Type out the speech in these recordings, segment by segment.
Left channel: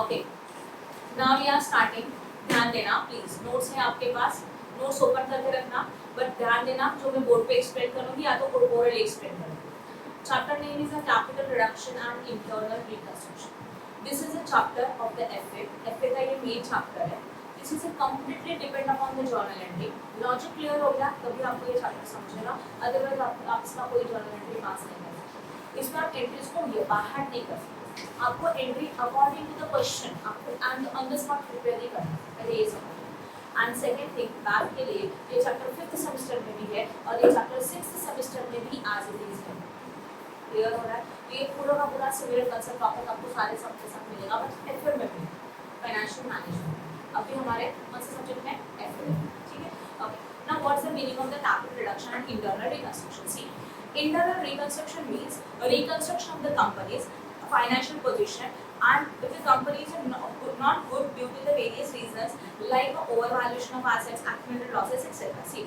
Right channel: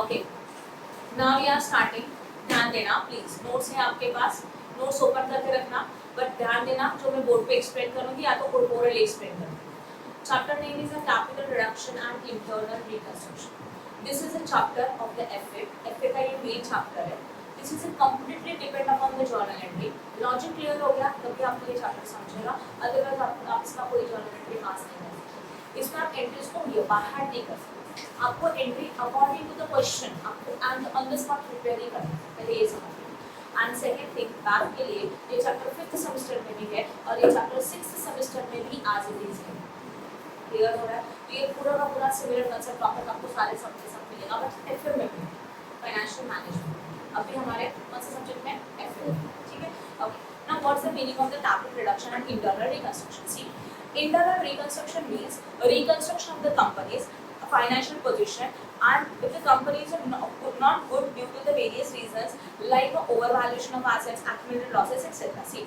Okay, now we are starting. ध्यान देना please, notes है आपके पास, नोट्स ओपन करके रखना, बट ध्यान देना जो मैं बोर्ड पे एक्सप्लेन करूंगी या तो ओरली एक्सप्लेन करूंगी। Chapter name is the capital reduction and internal reconstruction. This is a chapter of the FA. FA का ये मेन चैप्टर है। This is completely depend upon the journal entry. Logic clear हो गया तभी आपको ये chapter समझेगा, अदरवाइज आप इसका कोई जर्नल एंट्री पास नहीं कर सकते। इसमें आप एंट्रीज को बाहर नहीं कर सकते, आपको entry according to the question आपको ऑन द स्पॉट प्रिपेयर नहीं करना, पहले ये समझिए। एंड सेकंड थिंग, मैथ के लिए ये चैप्टर 5th सेमेस्टर में भी है और ये चैप्टर 6th सेमेस्टर में भी आज इट इज है। क्लियर हो रहा है? तो ये पूरा का पूरा सिमिलर कंसेप्ट टॉपिक आपको सारे सब के साथ मिलेगा, बट एफए में भी फाइनेंशियल मैनेजमेंट अभी हमारे कौन से सब्जेक्ट में एफए, ठीक है। Okay, now what's the meaning of the capital reduction and internal reconstruction? See, internal reconstruction means reconstruction of the company's financial position and if the company is not good due to the various reasons like overvaluation of assets, accumulated losses etc. See,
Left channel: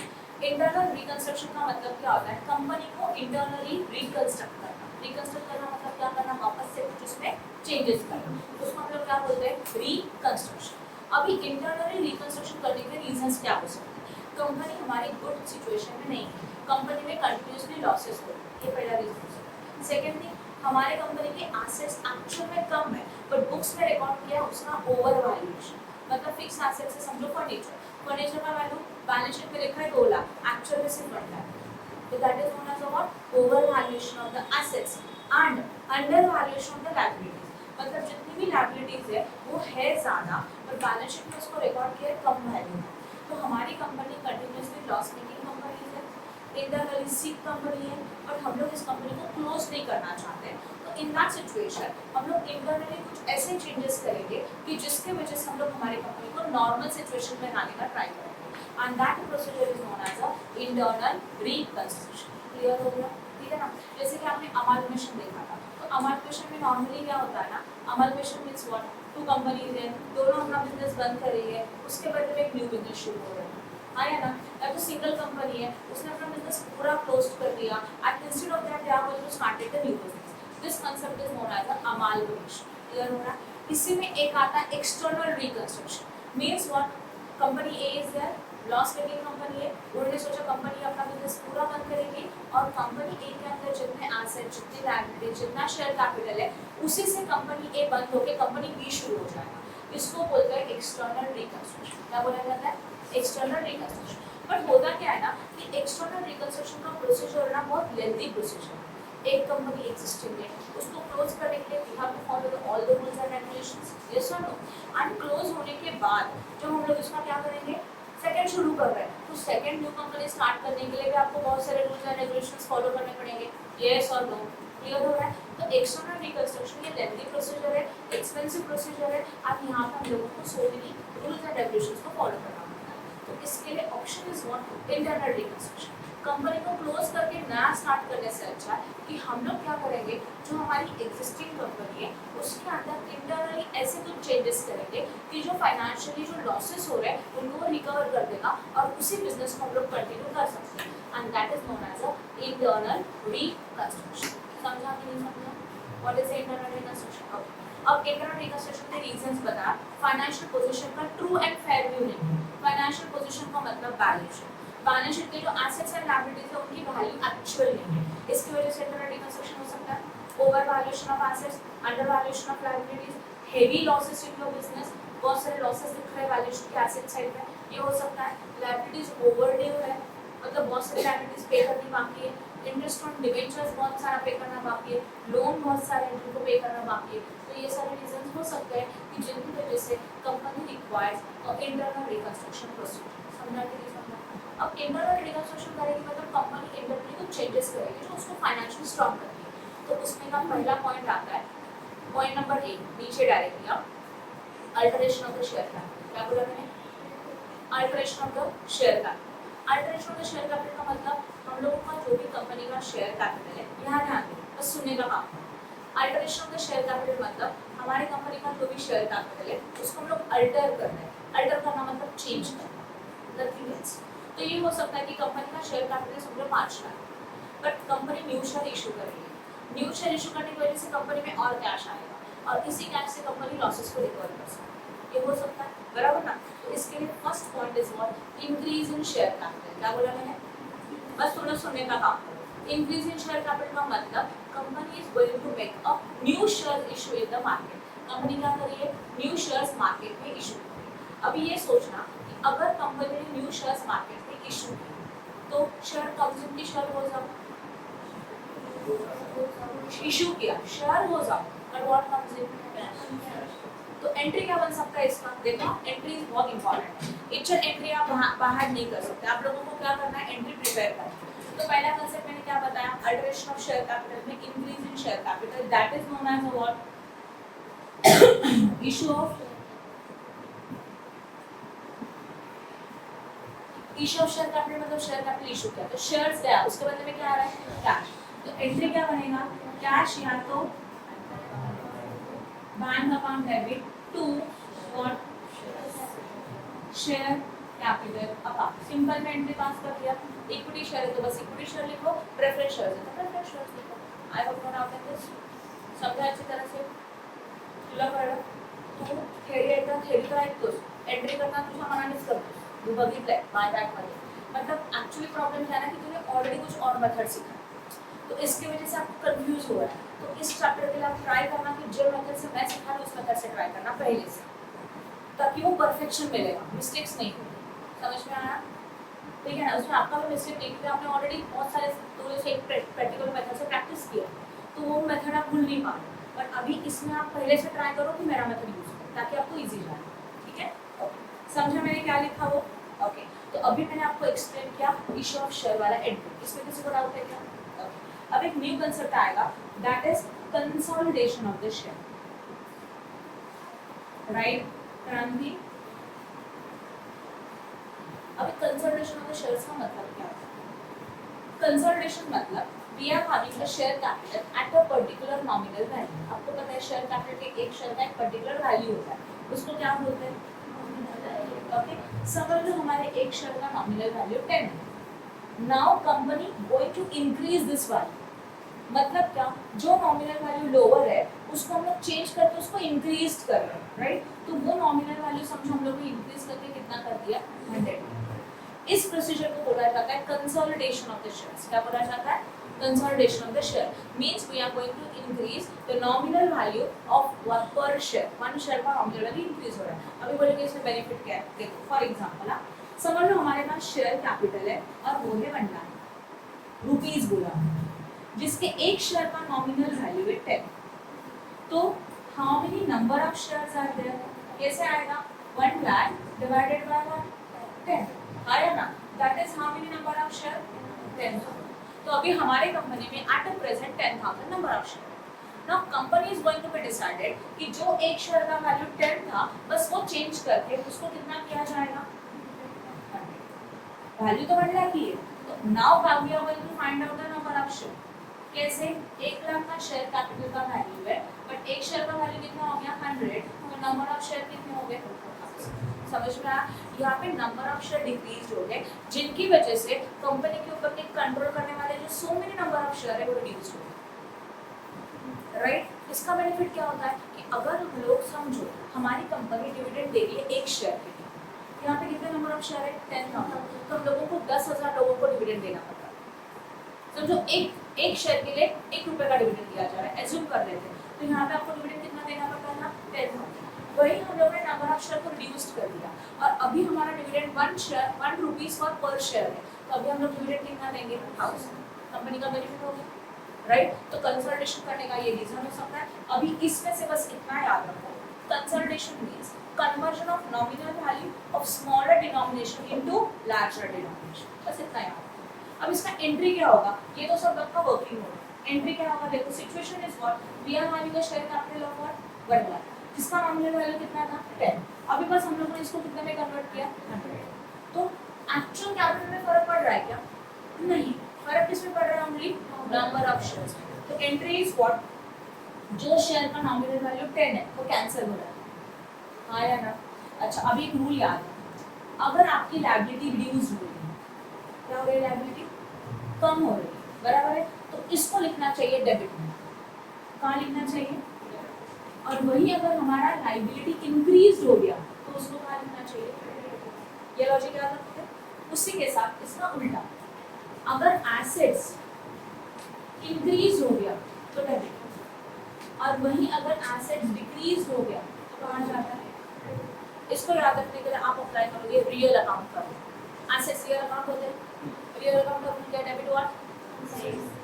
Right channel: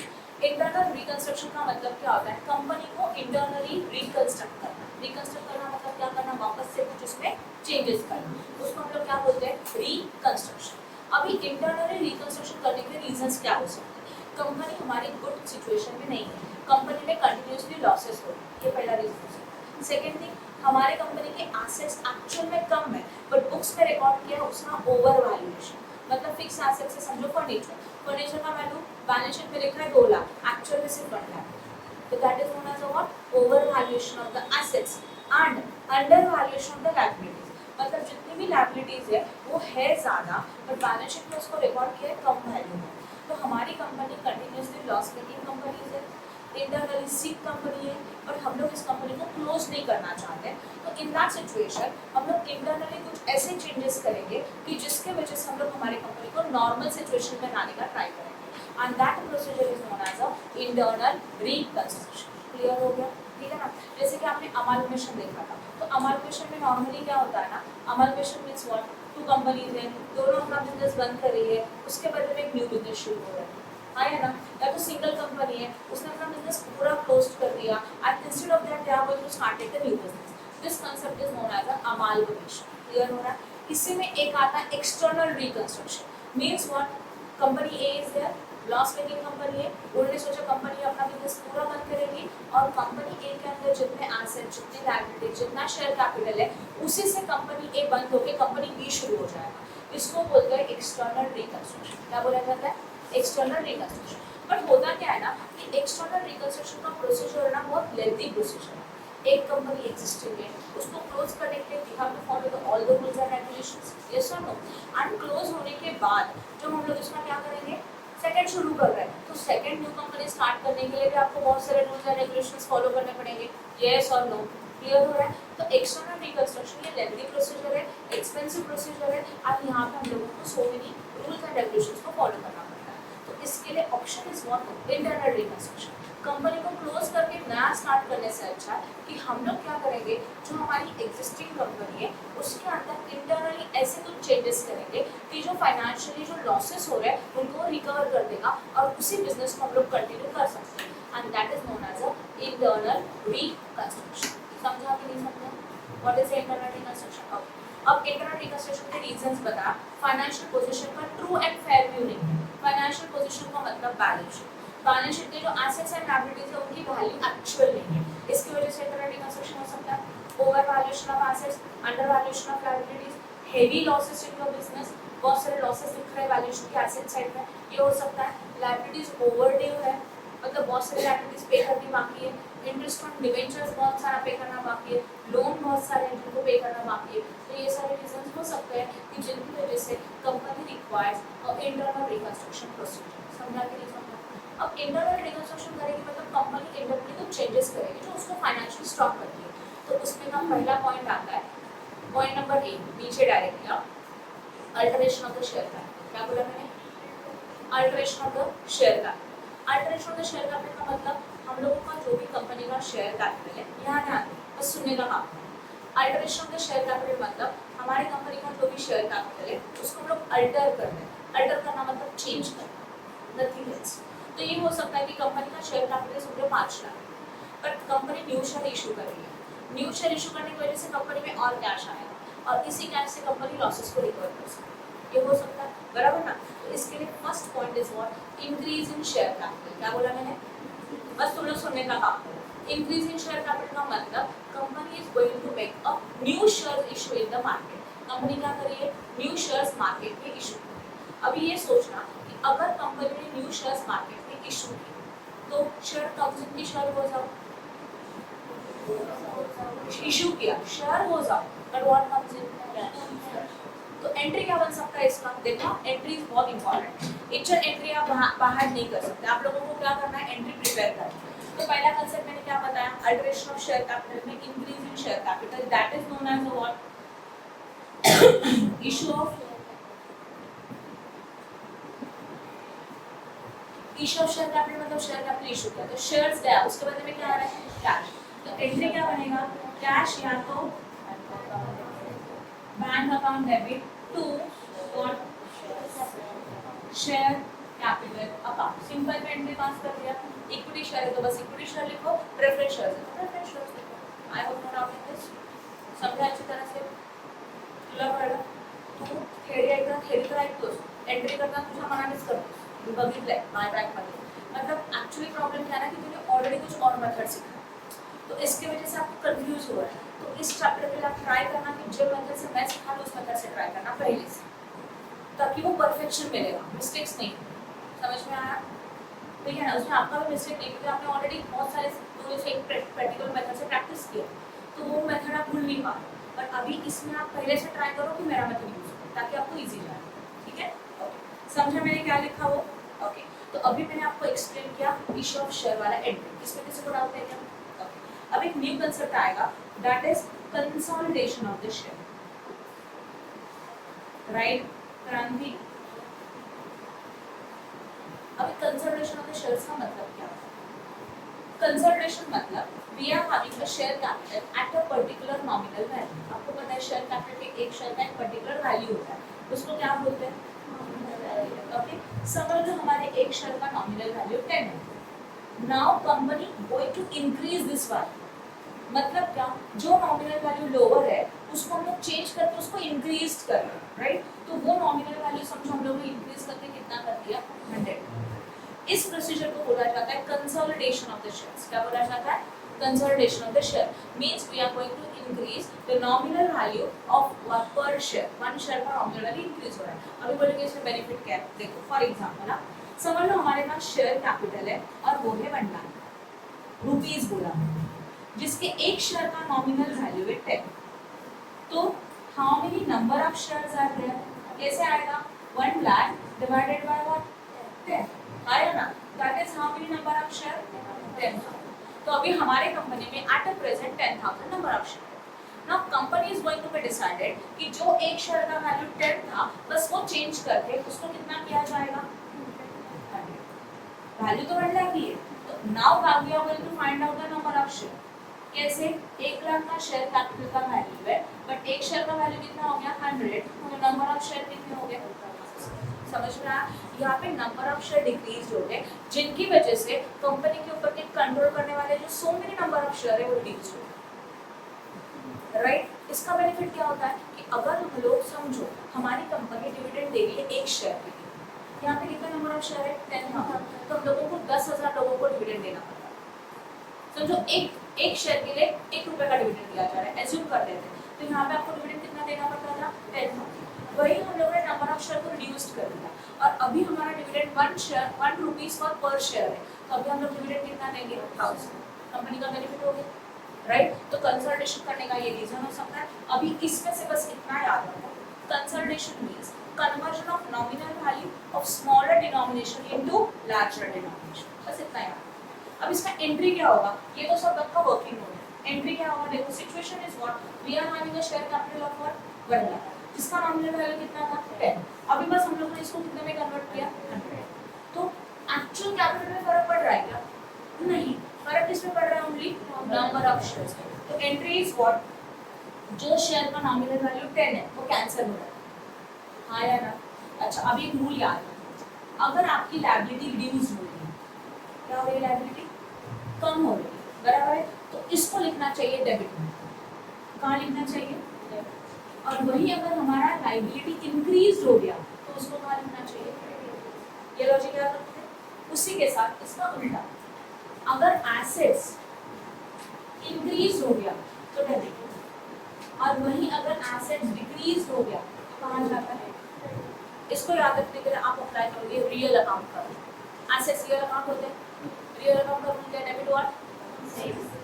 internal reconstruction का मतलब क्या होता है? Company को internally reconstruct करना। reconstruct करना मतलब क्या करना? वापस से कुछ उसमें changes करना, उसको हम लोग क्या बोलते हैं? reconstruction। अभी internally reconstruction करने के reasons क्या हो सकते हैं? कंपनी हमारी गुड सिचुएशन में नहीं है, कंपनी में कंटिन्यूसली लॉसेस हो रही है, ये पहला रीजन हो सकता है। सेकंड थिंग, हमारे कंपनी के एसेट्स एक्चुअल में कम है बट बुक्स में रिकॉर्ड किया है उसका ओवर वैल्यूएशन, मतलब फिक्स एसेट से समझो फर्नीचर का वैल्यू बैलेंस शीट में लिखा है 2 लाख, एक्चुअल में सिर्फ 1 लाख, तो that is known as what? Over valuation of the assets and under valuation of the liabilities, मतलब जितनी भी लायबिलिटीज है वो है ज्यादा बट बैलेंस शीट में उसको रिकॉर्ड किया है कम वैल्यू में। तो हमारी company continuously loss making company है, इंटरनली सीक कंपनी है, बट हम लोग इस कंपनी को क्लोज नहीं करना चाहते। तो इन दैट सिचुएशन हम लोग इंटरनली कुछ ऐसे चेंजेस करेंगे कि जिसके वजह से हम लोग हमारी कंपनी को नॉर्मल सिचुएशन में लाने का ट्राई करेंगे, and that procedure is known as a internal reconstruction. Clear हो गया? ठीक है ना? जैसे कि आपने अमालगमेशन देखा था, तो अमालगमेशन में नॉर्मली क्या होता है ना, अमालगमेशन मीन्स व्हाट? 2 कंपनीज हैं, दोनों अपना बिजनेस बंद कर रही है, उसके बदले में एक न्यू बिजनेस शुरू हो रहा है, हाँ है ना? या तो सिंगल कंपनी है, उसने अपना बिजनेस पूरा क्लोज कर दिया and instead of that they are going to started the new business. This concept is known as amalgamation. Clear हो रहा है? इसी में एक आता है external reconstruction. Means what? Company A is there, loss making company है, उन्होंने सोचा कंपनी अपना बिजनेस पूरा बंद करेगी और कंपनी ए के अंदर जितने एसेट, जितनी लायबिलिटी, जितना शेयर कैपिटल है उसी से कंपनी ए बंद होकर कंपनी बी शुरू हो जाएगा। इसको बोलते हैं एक्सटर्नल रिकंस्ट्रक्शन। क्या बोला जाता है? External reconstruction. बट होता क्या है ना कि एक्सटर्नल रिकंस्ट्रक्शन का प्रोसीजर ना बहुत लेंथी प्रोसीजर है। एक कंपनी एग्जिस्टिंग है, उसको क्लोज करने के लिए we have to follow the all the rules and regulations, yes और नो? एंड क्लोज होने के बाद जब हम लोग इसका क्या करेंगे? सेकंड शुरू कर रहे हैं, तो सेकंड न्यू कंपनी स्टार्ट करने के लिए भी आपको बहुत सारे रूल्स एंड रेगुलेशंस फॉलो करने पड़ेंगे, यस और नो? क्लियर हो रहा है? तो एक्सटर्नल रिकंस्ट्रक्शन ये लेंथी प्रोसीजर है, एक्सपेंसिव प्रोसीजर है, और यहाँ पे हम लोगों को so many rules and regulations को फॉलो करना पड़ता है। तो इसके लिए option is what? Internal reconstruction. Company को क्लोज करके नया स्टार्ट करने से अच्छा है कि हम लोग क्या करेंगे, जो हमारी एग्जिस्टिंग कंपनी है उसके अंदर इंटरनली ऐसे कुछ चेंजेस करेंगे कि जो फाइनेंशियली जो लॉसेस हो रहे हैं उनको वो रिकवर कर देगा और उसी बिजनेस को हम लोग कंटिन्यू कर सकते हैं, and that is known as a internal reconstruction. समझा कि नहीं समझा? What is internal reconstruction? Okay, अब इंटरनल रिकंस्ट्रक्शन के रीजंस बता। फाइनेंशियल पोजीशन का ट्रू एंड फेयर व्यू नहीं। फाइनेंशियल पोजीशन का मतलब बैलेंस शीट, बैलेंस शीट के जो एसेट्स एंड लायबिलिटीज है उनकी वैल्यू एक्चुअल नहीं है, इसकी वजह से इंटरनल रिकंस्ट्रक्शन हो सकता है। Over valuation of assets, under valuation of liabilities, heavy losses in your business, बहुत सारे लॉसेस दिख रहे हैं बैलेंस शीट के एसेट साइड में, ये हो सकता है। लायबिलिटीज ओवरड्यू है, मतलब बहुत सारी लायबिलिटीज पे करनी बाकी है, इंटरेस्ट ऑन डिबेंचर्स बहुत सारा पे करना बाकी है, लोन बहुत सारे हैं जिनको पे करना बाकी है। तो ये सारे रीजंस हो सकते हैं कि जिनकी वजह से company requires internal reconstruction procedure. समझा कि नहीं समझा? अब इंटरनल रिकंस्ट्रक्शन करेगी मतलब कंपनी इंटरनली कुछ चेंजेस करेगी जो उसको फाइनेंशियली स्ट्रॉन्ग करती है। तो उसमें का पहला पॉइंट आता है, पॉइंट नंबर 1 नीचे डायरेक्टली आप, alteration of the share capital. क्या बोला मैंने? Alteration of the share capital. Alteration of the share capital का मतलब हम लोगों का जो भी कंपनी का शेयर कैपिटल है, यहाँ ध्यान दें, बस सुनने का काम है। Alteration of the share capital मतलब हमारी कंपनी का जो भी शेयर कैपिटल है उसको हम लोग अल्टर कर रहे हैं। अल्टर करना मतलब चेंज करना, नथिंग एल्स। तो ये हो सकता है कि कंपनी का शेयर कैपिटल समझो 5 lakh, but company new share issue कर रही है। न्यू शेयर इशू करने की वजह से कंपनी में और कैश आएगा, और इसी कैश से कंपनी लॉसेस को रिकवर कर सकती है। ये हो सकता है, बराबर ना। तो इसके लिए first point is what, increase in share capital. क्या बोला मैंने, बस थोड़ा सुनने का काम करो। इंक्रीज इन शेयर कैपिटल का मतलब company is going to make a new share issue in the market. Company क्या करिए, न्यू शेयर्स मार्केट में इशू करिए। अभी ये सोचना कि अगर कंपनी ने न्यू शेयर्स मार्केट में इशू किए तो शेयर कंपनी की शेयर हो जाओ, इशू किया शेयर हो जाओ, बट व्हाट कम्स इन, तो एंट्री क्या बन सकता है इसका, देखो एंट्री इज बहुत इंपॉर्टेंट है। इंटर एंट्री आप बाहर नहीं कर सकते, आप लोगों को क्या करना है, एंट्री प्रिपेयर करना है। तो पहला कंसेप्ट मैंने क्या बताया, अल्टरेशन ऑफ शेयर कैपिटल में increase in share capital, that is known as what, issue of share capital, मतलब शेयर कैपिटल इशू किया तो शेयर्स गया, उसके बदले में क्या आ रहा है, कैश। तो एंट्री क्या बनेगा, कैश या तो बैंक अकाउंट डेबिट टू और शेयर कैपिटल अकाउंट। सिंपल में एंट्री पास कर दिया। इक्विटी शेयर है तो बस इक्विटी शेयर लिखो, प्रेफरेंस शेयर है तो प्रेफरेंस शेयर लिखो। I hope you now this समझा अच्छी तरह से, तुला कळलं। तू थेरी तर ऐकतोस, एंट्री करताना तुझ्या मनानेच करतोस, मी बघितलंय बाय बॅक मध्ये। मतलब एक्चुअली प्रॉब्लम क्या है ना कि तूने ऑलरेडी कुछ और मेथड सीखा है, तो इसकी वजह से आपको कंफ्यूज हुआ है। तो इस चैप्टर के लिए आप ट्राई करना कि जो मेथड से मैं सिखा रहा हूँ उस मेथड से ट्राई करना पहले से, ताकि वो परफेक्शन मिलेगा, मिस्टेक्स नहीं होंगे। समझ में आया, ठीक है ना। उसमें आपका भी मिस्टेक नहीं, क्योंकि आपने ऑलरेडी बहुत सारे टूल से एक प्रैक्टिकल मेथड से प्रैक्टिस किया, तो वो मेथड आप भूल नहीं पा रहे। बट अभी इसमें आप पहले से ट्राई करो कि मेरा मेथड यूज करो, ताकि आपको ईजी जाए, ठीक है। ओके, समझा मैंने क्या लिखा वो, ओके। तो अभी मैंने आपको एक्सप्लेन किया इशू ऑफ शेयर वाला एंट्री, इसमें किसी को डाउट है क्या? अब एक न्यू कंसेप्ट आएगा, that is consolidation of the share, right क्रांति। अब कंसोलिडेशन ऑफ द शेयर्स का मतलब क्या है? कंसोलिडेशन मतलब we are having a share capital at a particular nominal value. आपको पता है शेयर कैपिटल के एक शेयर का एक पर्टिकुलर वैल्यू होता है, उसको क्या बोलते हैं, ओके। समझ लो हमारे एक शेयर का नॉमिनल वैल्यू 10 है। Now company going to increase this value, मतलब क्या, जो नॉमिनल वैल्यू लोअर है उसको हम लोग चेंज करके उसको इंक्रीज कर रहे हैं, राइट। तो वो नॉमिनल वैल्यू समझो हम लोग ने इंक्रीज करके कितना कर दिया, 100। इस प्रोसीजर को बोला जाता है कंसोलिडेशन ऑफ द शेयर्स। क्या बोला जाता है, consolidation of the share means we are going to increase the nominal value of one per share, one share का नॉमिनल वैल्यू इंक्रीज हो रहा है। अभी बोलेंगे इसमें बेनिफिट क्या है, देखो फॉर एग्जांपल समझ लो हमारे पास शेयर कैपिटल है और वो है 1 लाख रुपीज बोला, जिसके एक शेयर का नॉमिनल वैल्यू है 10। तो how many number of shares are there, कैसे आएगा, 1 लाख डिवाइडेड बाय 10 आया ना, that is how many number of share, 10,000। तो अभी हमारे कंपनी में at a present 10,000 number of share है। Now company is going to be decided कि जो एक शेयर का वैल्यू 10 था बस वो चेंज करके उसको कितना किया जाएगा, 100। वैल्यू तो 1 लाख ही है, तो now we are going to find out the number of share. कैसे, 1 लाख का शेयर कैपिटल का वैल्यू है, बट एक शेयर का वैल्यू कितना हो गया, 100, तो नंबर ऑफ शेयर कितने हो गए, समझ में आया। यहाँ पे नंबर ऑफ शेयर डिक्रीज हो गए, जिनकी वजह से कंपनी के ऊपर के कंट्रोल करने वाले जो so many number of share है वो रिड्यूस हो गए, राइट। इसका बेनिफिट क्या होता है कि अगर हम लोग समझो हमारी कंपनी डिविडेंड दे रही है एक शेयर के लिए, यहाँ पे कितने नंबर ऑफ शेयर है, 10,000, तो हम लोगों को 10,000 लोगों को डिविडेंड देना पड़ता है। समझो एक शेयर के लिए 1 रुपए का डिविडेंड दिया जा रहा है, एज्यूम कर लेते हैं, तो यहाँ पे आपको डिविडेंड कितना देना पड़ता था, 10,000। वही हम लोगों ने नंबर ऑफ शेयर को रिड्यूस कर दिया, और अभी हमारा डिविडेंड 1 रुपीज पर शेयर है, तो अभी हम लोग डिविडेंड कितना देंगे, 1000। कंपनी का बेनिफिट हो गया, राइट। तो कंसोलिडेशन करने का ये रीजन हो सकता है। अभी इसमें से बस इतना याद रखो, consolidation means conversion of nominal value of smaller denomination into larger denomination, बस इतना याद। अब इसका एंट्री क्या होगा, ये तो सब आपका वर्किंग नोट है। एंट्री क्या होगा, देखो situation is what, we are having a share capital of 1 lakh, जिसका नॉमिनल वैल्यू कितना था, 10। अभी बस हम लोगों ने इसको कितने में कन्वर्ट किया, 100। तो एक्चुअल कैपिटल में फर्क पड़ रहा है क्या, नहीं, फर्क किसमें पड़ रहा है, ओनली नंबर ऑफ शेयर्स। तो एंट्री इज व्हाट, जो शेयर का नॉमिनल वैल्यू 10 है वो कैंसिल हो रहा है, हाँ या ना। अच्छा, अभी एक रूल याद है, अगर आपकी लायबिलिटी रिड्यूस हो रही है, क्या हो रही है, लायबिलिटी कम हो रही है, बराबर है, तो इसको लिखना चाहिए डेबिट में। कहाँ लिखना चाहिए, और वही अगर हमारा लाइबिलिटी इंक्रीज हो गया तो उसको कहाँ लिखना चाहिए? ये लॉजिक याद रखते हैं। उसी के साथ इसका उल्टा, अगर एसेट्स इंक्रीज हो गया तो डेबिट, और वही अगर एसेट्स डिक्रीज हो गया तो कहाँ जाता है? इसको याद रखने के लिए आप अप्लाई करोगे रियल अकाउंट का। एसेट्स रियल अकाउंट होते हैं, रियल अकाउंट का क्या? Debit what?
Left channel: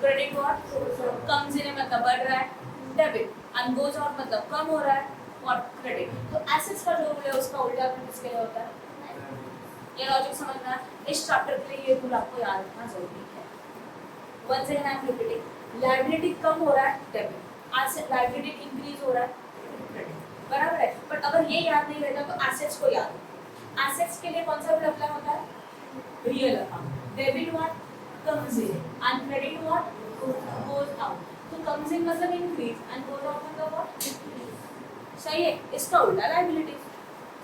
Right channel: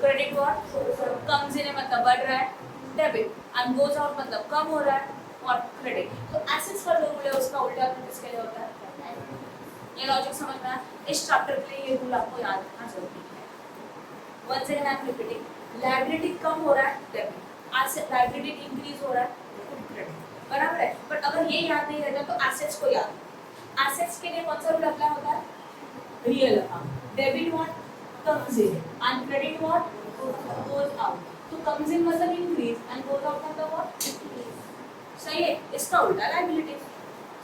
Credit what? Comes in मतलब बढ़ रहा है, डेबिट, एंड गोज आउट मतलब कम हो रहा है, और क्रेडिट। तो एसेट्स का जो रूल है उसका उल्टा किसके लिए होता है? ये लॉजिक समझना है। इस चैप्टर के लिए ये रूल आपको याद रखना जरूरी है। Once again I am repeating, liability कम हो रहा है डेबिट, एसेट लायबिलिटी इंक्रीज हो रहा है क्रेडिट, बराबर है। बट अगर ये याद नहीं रहता तो एसेट्स को याद रखो। एसेट्स के लिए कौन सा रूल अप्लाई होता है? Real account. Debit what? Comes in, and credit what? Goes out. तो कम्स इन मतलब इंक्रीज, एंड गोज आउट मतलब व्हाट? सही है। इसका उल्टा लायबिलिटी।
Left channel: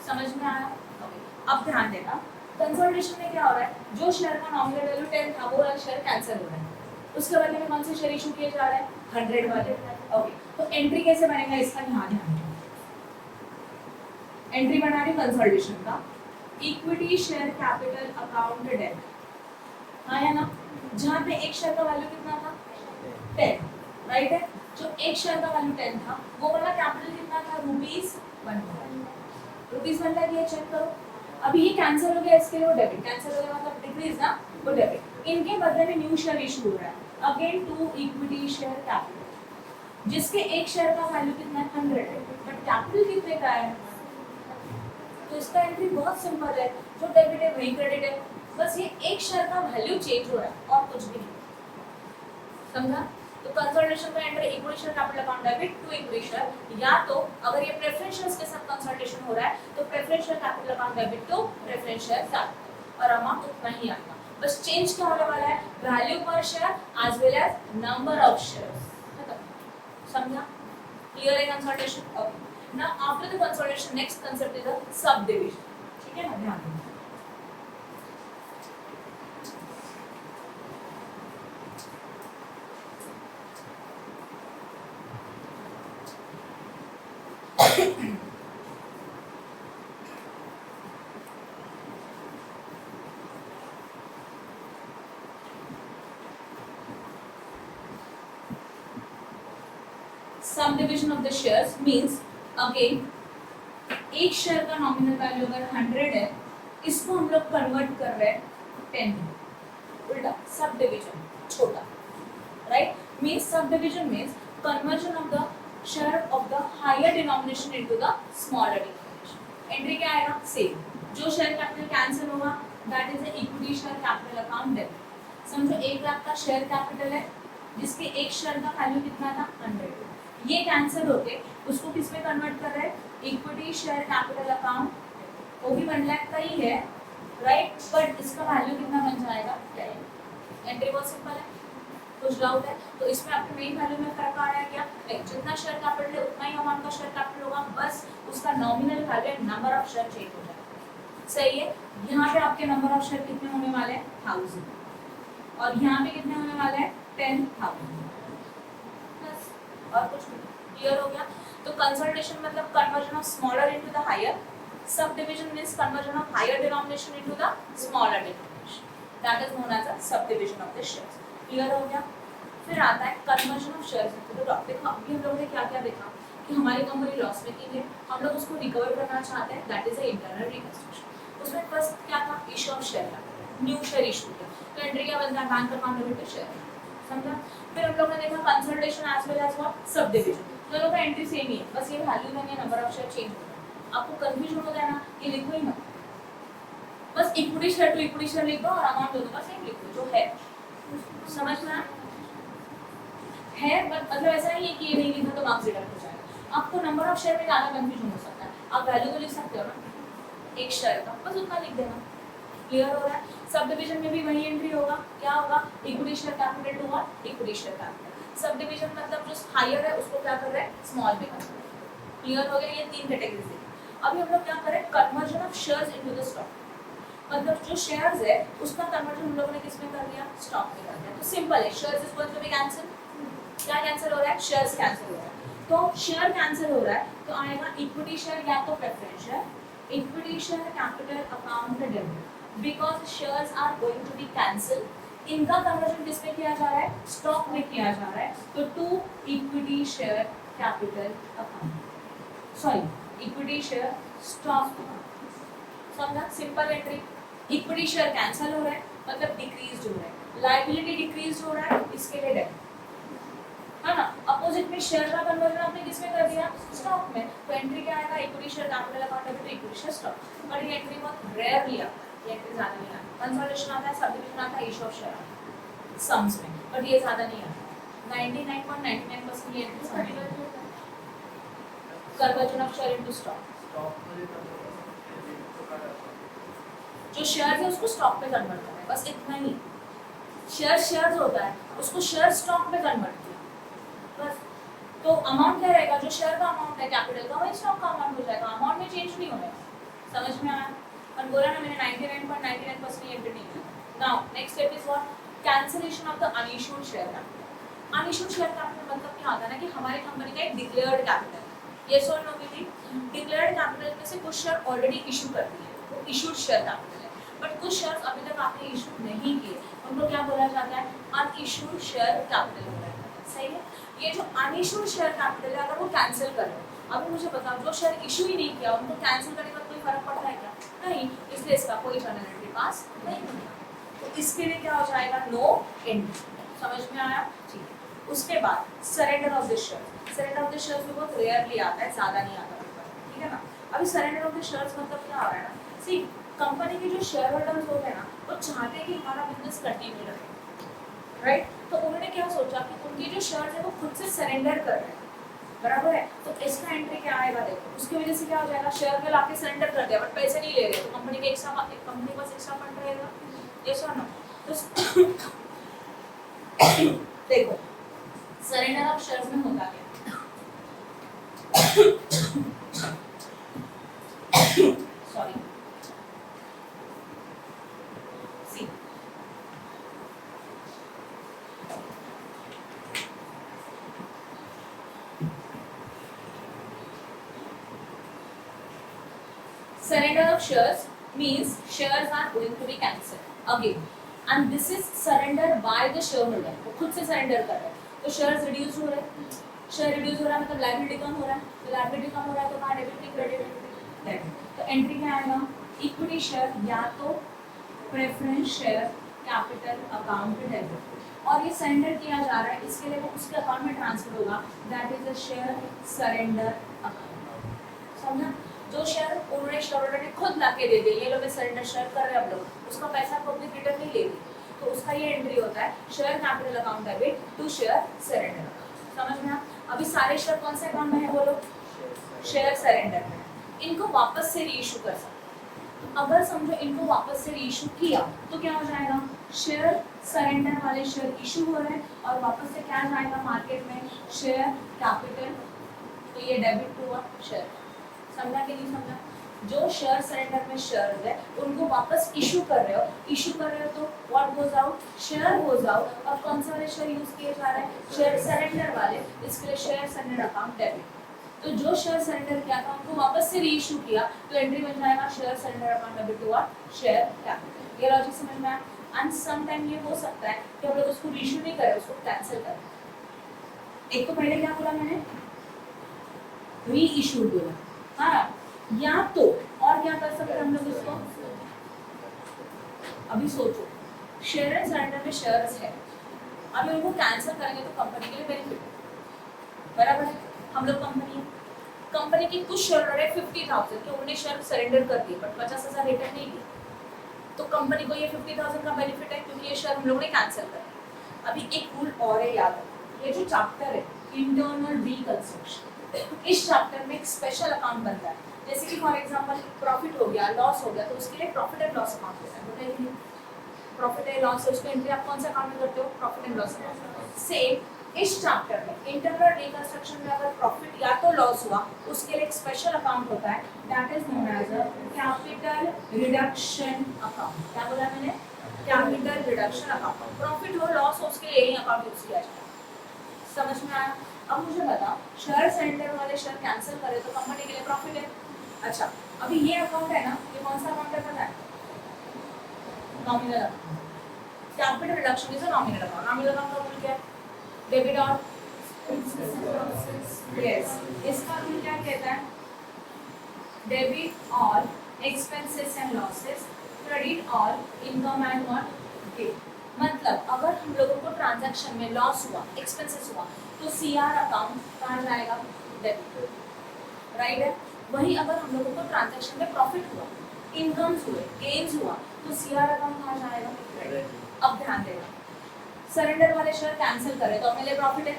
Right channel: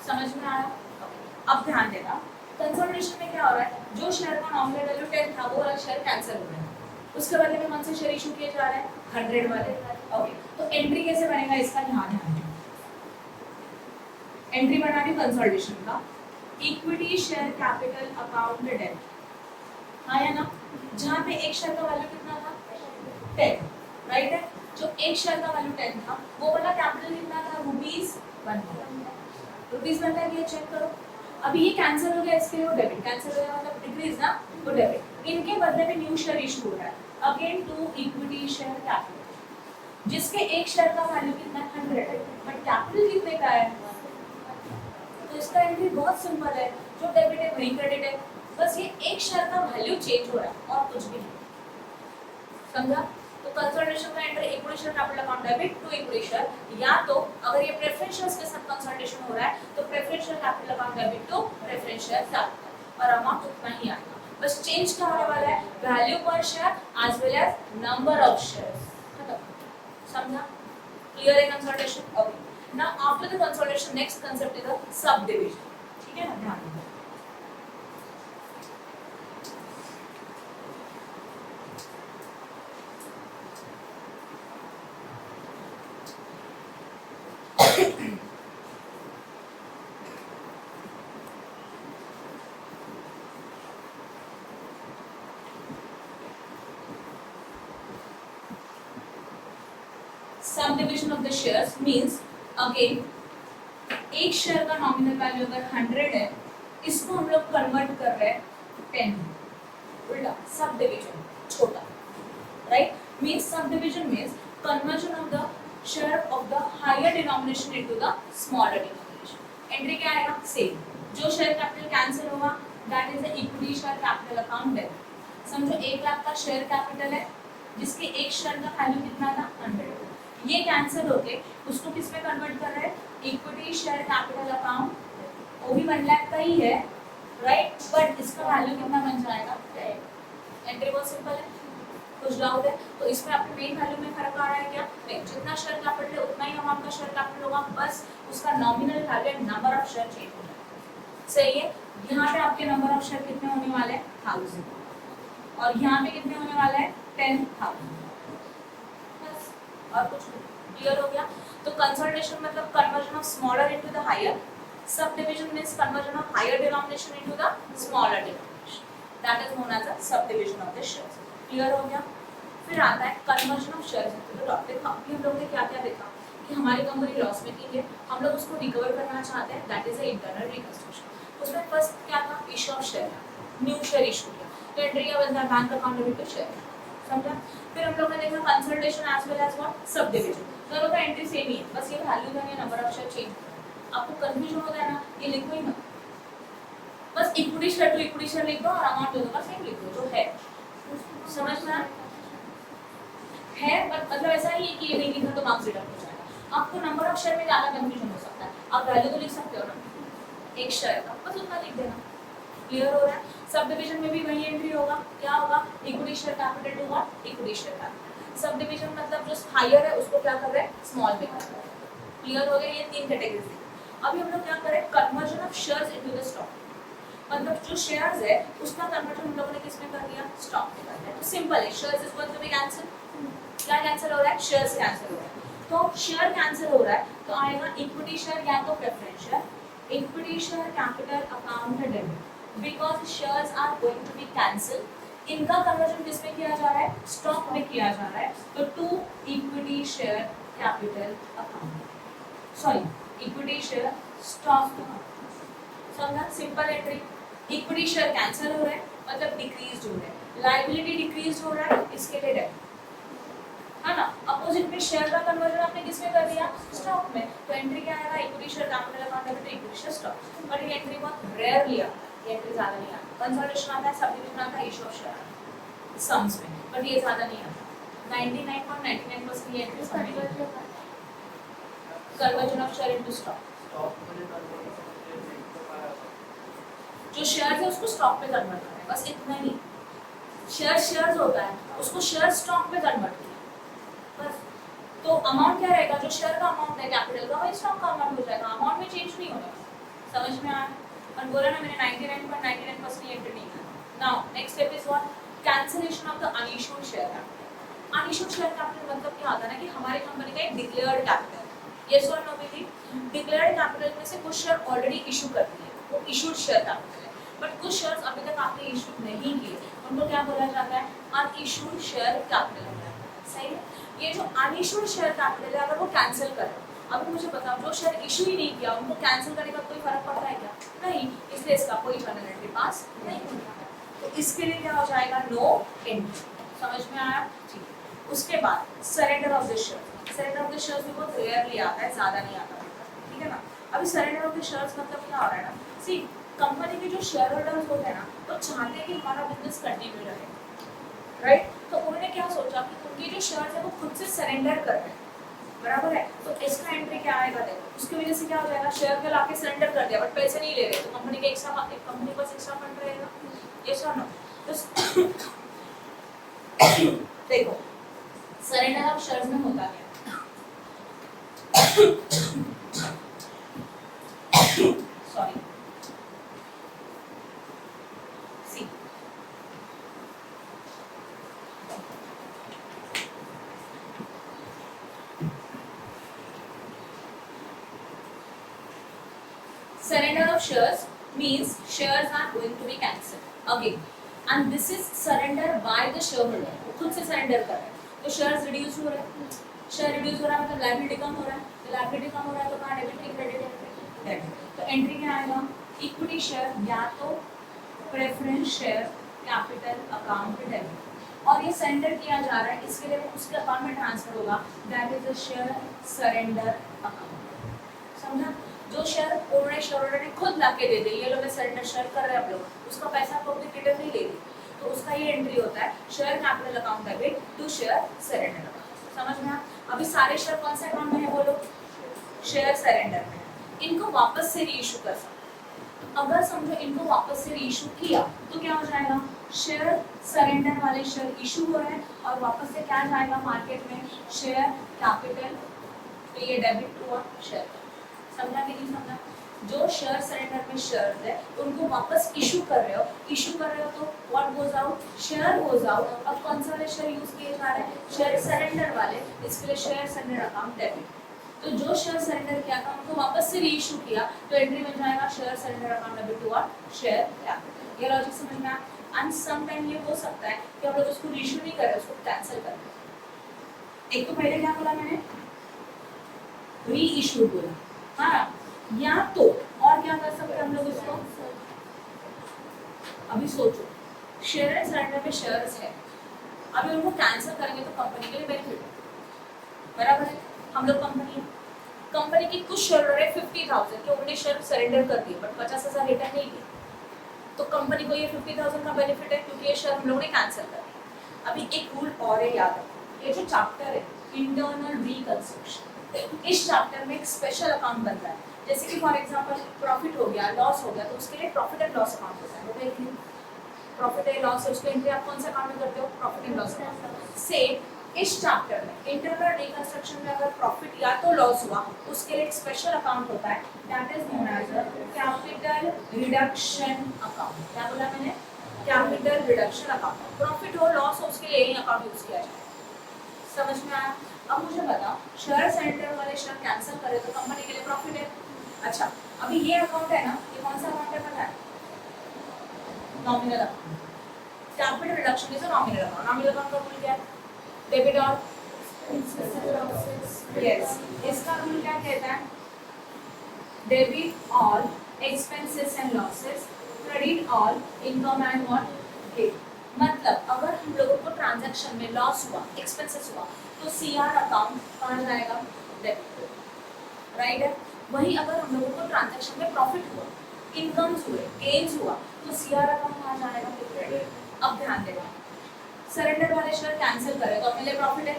समझ में आया? ओके, अब ध्यान देना, कंसोलिडेशन में क्या हो रहा है? जो शेयर का नॉमिनल वैल्यू 10 था वो वाला शेयर कैंसिल हो रहा है, उसके बदले में कौन से शेयर इशू किए जा रहे हैं? 100 वाले। ओके, तो एंट्री कैसे बनेगा इसका ध्यान है। एंट्री बनानी कंसोलिडेशन का, इक्विटी शेयर कैपिटल अकाउंट डेट, हाँ या ना? जहाँ पे एक शेयर का वैल्यू कितना था? 10, राइट है। जो एक शेयर का वैल्यू 10 था वो वाला कैपिटल कितना था? ₹1। रुपीस बनता है कि चेक करो। अभी ये कैंसिल हो गया, इसके लिए वो डेबिट, कैंसिल हो गया मतलब डिक्रीज ना, वो डेबिट। इनके बदले में न्यू शेयर इशू हो रहा है again to equity share capital, जिसके एक शेयर का वैल्यू कितना? 100 है, बट कैपिटल कितने का है? तो इसका एंट्री बहुत सिंपल है, जो डेबिट है वही क्रेडिट है, बस ये एक शेयर का वैल्यू चेंज हो रहा है और कुछ भी नहीं। समझा? तो कंसोलिडेशन का entry equity share capital account debit to equity share, या तो अगर ये प्रेफरेंशियल्स के साथ कंसोलिडेशन हो रहा है तो preferential capital account debit to preferential capital, और अमाउंट उतना ही आएगा। बस चेंज क्या होने वाला है? Value per share as well as number of shares. खत्म। समझा? क्लियर है consolidation? Okay, now after the consolidation next concept is the subdivision. ठीक है ना? ध्यान देना। Subdivision of the shares means again एक शेयर का नॉमिनल वैल्यू अगर 100 है, इसको हम लोग कन्वर्ट कर रहे हैं 10 में, उल्टा सबडिविजन छोटा, right? Means subdivision means conversion of the share of the higher denomination into the smaller denomination. Entry क्या आएगा? सेम। जो शेयर कैपिटल कैंसिल होगा that is the equity share capital account debit. समझो 1 लाख का शेयर कैपिटल है जिसके एक share का वैल्यू कितना था? 100। ये कैंसिल होके उसको किस में कन्वर्ट कर रहे हैं? इक्विटी शेयर कैपिटल अकाउंट, वो भी 1 लाख का ही है, राइट? बट इसका वैल्यू कितना बन जाएगा? 10। एंट्री बहुत सिंपल है, कुछ डाउट है? तो इसमें आपके मेन वैल्यू में फर्क आ रहा है क्या? जितना शेयर कैपिटल है उतना ही अमाउंट का शेयर कैपिटल होगा, बस उसका nominal value number of share change हो जाएगा। सही है? यहाँ पे आपके नंबर ऑफ शेयर कितने होने वाले हैं? 1000, और यहाँ पे कितने होने वाले हैं? 10,000। और कुछ नहीं। क्लियर हो गया? तो कंसोलिडेशन मतलब conversion of smaller into the higher, subdivision means conversion of higher denomination into the smaller denomination, that is known as a subdivision of the shares. Clear हो गया? फिर आता है conversion of shares into the dot. देखो अभी हम लोगों ने क्या क्या देखा कि हमारी कंपनी लॉस मेकिंग है, हम लोग उसको रिकवर करना चाहते हैं, that is a internal reconstruction. उसमें फर्स्ट क्या था? Issue of share, new share issue किया, तो एंट्री क्या बनता है? Bank account debit to share. समझा? फिर हम लोगों ने देखा consolidation as well as what? Subdivision. दोनों का एंट्री सेम ही है, बस ये वैल्यू देनी है, नंबर ऑफ शेयर चेंज करना। आपको कंफ्यूजन हो जाए ना, ये लिखो ही मत, बस equity share to equity share लिख दो और अमाउंट दोनों का सेम लिख दो जो है। समझ में है? बट मतलब ऐसा नहीं है कि ये नहीं लिखा तो मार्क्स डिडक्ट हो जाएगा। आपको नंबर ऑफ शेयर में ज्यादा कंफ्यूजन हो सकता है, आप वैल्यू तो लिख सकते हो ना एक शेयर का, बस उतना लिख देना। क्लियर हो रहा है? सब डिवीजन में भी वही एंट्री होगा, क्या होगा? Equity share capital to what? Equity share capital. Subdivision मतलब जो हायर है उसको क्या कर रहे हैं? स्मॉल में कर रहे हैं। क्लियर हो गया? ये 3 कैटेगरीज है। अभी हम लोग क्या करें? Conversion of shares into the stock, मतलब जो शेयर्स है उसका कन्वर्जन हम लोगों ने किस में कर दिया? स्टॉक में कर दिया। तो सिंपल है, shares is going to be cancel. क्या कैंसिल हो रहा है? शेयर्स कैंसिल हो रहा है। तो शेयर कैंसिल हो रहा है तो आएगा इक्विटी शेयर या तो preference share, equity share capital account debit because shares are going to be cancel. इनका कन्वर्जन किसमें किया जा रहा है, स्टॉक में किया जा रहा है, तो to equity share capital account, sorry equity share stock account. समझा, simple entry. Equity share cancel हो रहा है मतलब डिक्रीज हो रहा है, लायबिलिटी डिक्रीज हो रहा है, इसके लिए डेबिट है ना। अपोजिट में शेयर का कन्वर्जन आपने किसमें कर दिया, स्टॉक में, तो एंट्री क्या आएगा, equity share capital account debit equity share stock. But ये एंट्री बहुत रेयरली आता है, ये एंट्री ज्यादा नहीं आता। कंसोलिडेशन आता है, सब्डिविजन आता है, इश्यू ऑफ शेयर आता है सम्स में, बट ये ज्यादा नहीं आता। 99.99% ये एंट्री समझ लीजिए। Conversion of share into stock, जो शेयर है उसको स्टॉक पे कन्वर्ट करना है, बस इतना ही। शेयर्स होता है उसको शेयर स्टॉक पे कन्वर्ट किया बस। तो अमाउंट क्या रहेगा, जो शेयर का अमाउंट है कैपिटल का, वही स्टॉक का अमाउंट हो जाएगा, अमाउंट में चेंज नहीं होगा। समझ में आया। और बोला ना मैंने 99.99% एंट्री नहीं किया। Now next step is what, cancellation of the unissued share capital. Unissued share capital मतलब क्या होता है ना कि हमारी कंपनी का एक डिक्लेयर्ड कैपिटल, यस और नो बेबी, डिक्लेयर्ड कैपिटल में से कुछ शेयर ऑलरेडी इशू कर दिए, वो इशूड शेयर कैपिटल है। बट कुछ शेयर्स अभी तक आपने इशू नहीं किए, उनको क्या बोला जाता है, अनइश्यूड शेयर कैपिटल बोला जाता है। सही है। ये जो अनइश्यूड शेयर कैपिटल है अगर वो कैंसिल कर रहे हो, अभी मुझे बताओ जो शेयर इशू ही नहीं किया उनको कैंसिल करने का कोई फर्क पड़ता है क्या, नहीं, इसलिए इसका कोई जर्नल एंट्री पास नहीं होगा। तो इसके लिए क्या हो जाएगा, नो एंट्री। समझ में आया, ठीक है। उसके बाद surrender of the share, surrender of the shares भी बहुत रेयरली आता है, ज्यादा नहीं आता पेपर, ठीक है ना। अभी सरेंडर ऑफ द शेयर्स मतलब क्या हो रहा है ना, सी कंपनी के जो शेयर होल्डर्स होते हैं ना, वो चाहते हैं कि हमारा बिजनेस कंटिन्यू रहे, राइट। तो उन्होंने क्या सोचा कि उनके जो शेयर्स है वो खुद से सरेंडर कर रहे हैं, बराबर है। तो इसका एंट्री क्या आएगा, देखो उसकी वजह से क्या हो जाएगा, शेयर में लाके सरेंडर कर दिया बट पैसे नहीं ले रहे, तो कंपनी के कंपनी के पास एक्स्ट्रा फंड रहेगा, यस और नो। तो देखो सरेंडर ऑफ शेयर्स में होता क्या, sorry see, surrender of shares means shares are going to be cancelled again and this is surrender by the shareholder, वो खुद से surrender कर रहा है, तो shares reduce हो रहा है, शेयर रिड्यूस हो रहा है मतलब लायबिलिटी कम हो रहा है, तो लायबिलिटी कम हो रहा है तो कहाँ डेबिट की क्रेडिट, तो एंट्री क्या आएगा, इक्विटी शेयर या तो preference share capital account debit, और ये सरेंडर किया जा रहा है इसके लिए वो उसके अकाउंट में ट्रांसफर होगा, that is the share surrender account. समझा, जो शेयर उन्होंने शेयर होल्डर ने खुद लाके दे दिए, ये लोग सरेंडर शेयर कर रहे हैं, हम लोग उसका पैसा पब्लिक रिटर्न नहीं लेगी, तो उसका ये एंट्री होता है share capital account debit to share surrender account. समझ में। अभी सारे शेयर कौन से अकाउंट में है बोलो, शेयर सरेंडर में, इनको वापस से रीइशू कर सकते, तो अगर समझो इनको वापस से रीइशू किया तो क्या हो जाएगा, शेयर सरेंडर वाले शेयर इशू हो रहे हैं और वापस से क्या जाएगा मार्केट में, शेयर कैपिटल, तो ये डेबिट हुआ शेयर। समझा कि नहीं समझा, जो शेयर सरेंडर में शेयर है उनको वापस इशू कर रहे हो तो what goes out, share goes out, और कौन सा वाले शेयर यूज किए जा रहे हैं, शेयर सरेंडर वाले, इसके लिए शेयर सरेंडर अकाउंट डेबिट। तो जो शेयर सरेंडर किया था उनको वापस से रीइशू किया तो एंट्री बन जाएगा share surrender account debit to share capital. ये लॉजिक समझ में आया। एंड सम टाइम ये हो सकता है कि हम लोग उसको रीइशू नहीं करें, उसको कैंसिल करें। एक तो पहले क्या बोला मैंने, री इशू बोला, हाँ, या तो और क्या कर सकते हैं हम लोग इसको, अभी सोचो शेयर एंड सरेंडर में शेयर्स है, अभी उनको कैंसिल करेंगे तो कंपनी के लिए बेनिफिट है, बराबर है। हम लोग कंपनी की कुछ शेयर है 50,000 के, उन्होंने शेयर सरेंडर कर दिए बट 50,000 रिटर्न नहीं दिया, तो कंपनी को ये 50,000 का बेनिफिट है क्योंकि ये शेयर हम लोगों ने कैंसिल कर दिया। अभी एक रूल और है याद रखो, ये जो चैप्टर है इंटरनल रिकंस्ट्रक्शन, इस चैप्टर में एक स्पेशल अकाउंट बनता है, जैसे कि फॉर एग्जांपल प्रॉफिट हो गया, लॉस हो गया, तो उसके लिए प्रॉफिट एंड लॉस अकाउंट होता है, बताइए प्रॉफिट एंड लॉस है, उसको एंट्री आप कौन सा अकाउंट में करते हो, profit and loss account. Same इस चैप्टर में इंटरनल रिकंस्ट्रक्शन में अगर प्रॉफिट या तो लॉस हुआ उसके लिए एक स्पेशल अकाउंट होता है, that is known as capital reduction account. क्या बोला मैंने, कैपिटल रिडक्शन अकाउंट। प्रॉफिट हो लॉस हो उसके लिए यही अकाउंट यूज किया जाए। समझ में आया। अब मुझे बताओ, शेयर सरेंडर वाले शेयर कैंसिल करे तो कंपनी के लिए प्रॉफिट है। अच्छा, अभी ये अकाउंट है ना, ये कौन सा अकाउंट है पता है? Nominal account. Capital reduction is a nominal account. Nominal account का रूल क्या है? डेबिट और यस, इसका रूल क्या कहता है? Debit all expenses and losses, credit all income and what gain. मतलब अगर हम लोगों को ट्रांजैक्शन में लॉस हुआ, एक्सपेंसेस हुआ, तो सीआर अकाउंट कहाँ जाएगा? डेबिट, राइट है। वही अगर हम लोगों को ट्रांजैक्शन में प्रॉफिट हुआ, इनकम्स हुए, गेन्स हुआ, तो सीआर अकाउंट कहाँ जाएगा? क्रेडिट। अब ध्यान देगा, सरेंडर वाले शेयर कैंसिल करे तो अपने लिए प्रॉफिट है,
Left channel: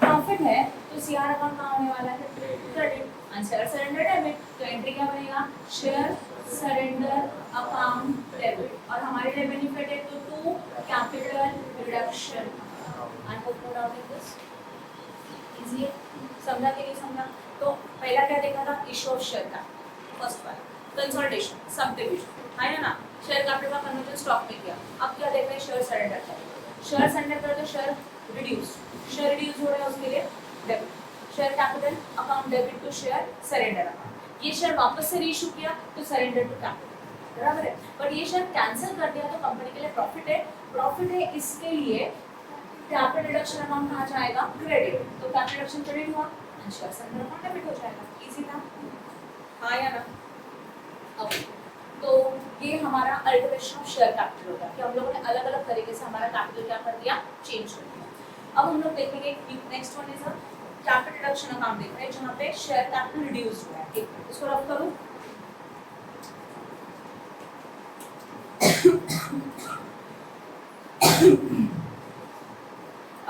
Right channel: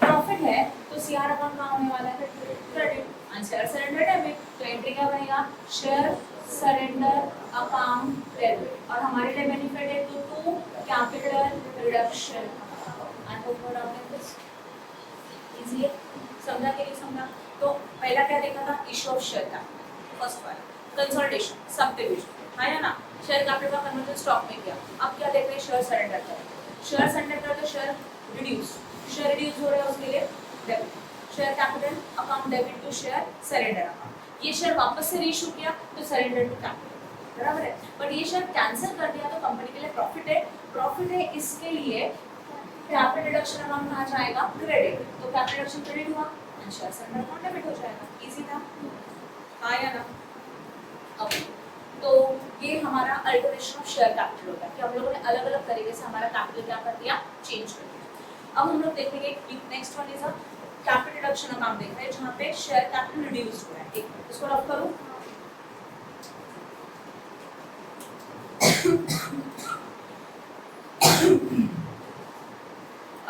प्रॉफिट है तो सीआर अकाउंट कहाँ होने वाला है? Credit. And share surrender debit, तो एंट्री क्या बनेगा? Share surrender account debit. और हमारे लिए बेनिफिट है to capital reduction and hope doubt in this easy है, समझा के लिए समझा। तो पहला क्या देखा था? Issue of share capital, first वाला कंसोलिडेशन, सब डिवीजन है ना, शेयर कैपिटल का कन्वर्जन स्टॉक में किया। अब क्या देखा है? शेयर सरेंडर कर, शेयर सरेंडर करते शेयर रिड्यूस, शेयर रिड्यूस हो रहा है उसके लिए debit, share capital account debit to share surrender account. ये शेयर वापस से रीइश्यू किया तो सरेंडर टू कैपिटल, बराबर है। बट ये शेयर कैंसिल कर दिया तो कंपनी के लिए प्रॉफिट है, प्रॉफिट है, इसके लिए कैपिटल रिडक्शन अकाउंट कहाँ जाएगा? क्रेडिट। तो कैपिटल रिडक्शन क्रेडिट हुआ and share surrender account debit हो जाएगा। इजी था, हाँ या ना? ओके, तो ये हमारा अल्टरनेशन ऑफ शेयर कैपिटल होगा कि हम लोगों ने अलग अलग तरीके से हमारा कैपिटल क्या कर दिया? चेंज कर दिया। अब हम लोग देखेंगे next one is a capital reduction account देख रहे हैं जहाँ पे शेयर कैपिटल रिड्यूस हुआ है। ठीक है, इसको रब करूँ।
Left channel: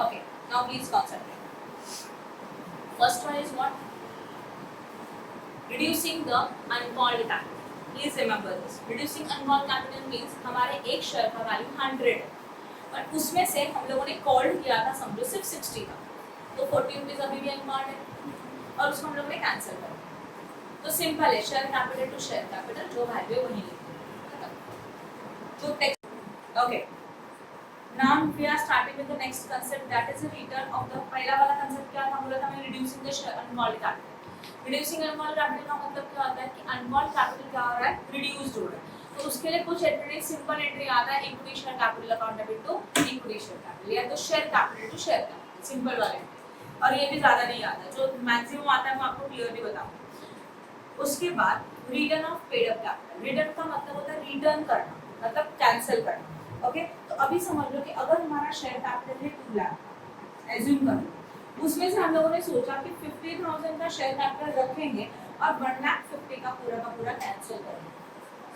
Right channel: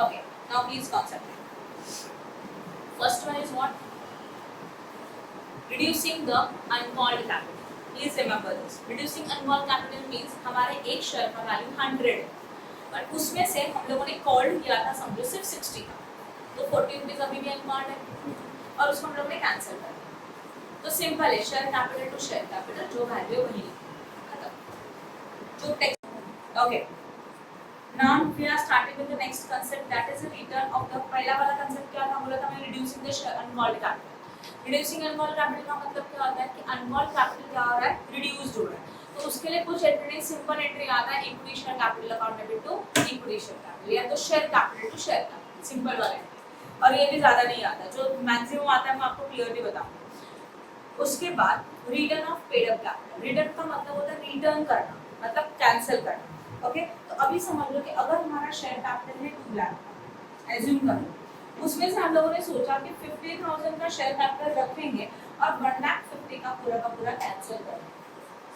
Okay, now please concentrate. First one is what? Reducing the uncalled capital. Please remember this. Reducing uncalled capital means हमारे एक शेयर का वैल्यू 100 है, पर उसमें से हम लोगों ने कॉल्ड किया था समझो सिर्फ 60 का, तो 40 रुपीज अभी भी अनकॉल्ड है और उसको हम लोगों ने कैंसिल कर दिया। तो सिंपल है, share capital to share capital, जो वैल्यू है वही खत्म, जो text. Okay, now we are starting with the next concept, that is the return of the। पहला वाला concept क्या था? बोला था मैं reducing the uncalled capital। reducing uncalled capital का मतलब क्या होता है कि uncalled capital क्या हो रहा है? reduced हो रहा है। तो उसके लिए कुछ एंट्री, सिंपल एंट्री आता है, equity share capital account debit to equity share capital, या तो share capital to share capital, simple वाला एंट्री। और ये भी ज्यादा नहीं आता, जो मैक्सिमम आता है वो आपको क्लियरली बताऊंगा। उसके बाद return of paid up capital. Return का मतलब होता है रिटर्न करना, मतलब कैंसिल करना। ओके, तो अभी समझ लो कि अगर हमारा शेयर कैपिटल है 2 लाख, एज्यूम कर लो, उसमें से हम लोगों ने सोचा कि 50,000 का शेयर कैपिटल रखेंगे और 1,50,000 का पूरा कैंसिल करेंगे।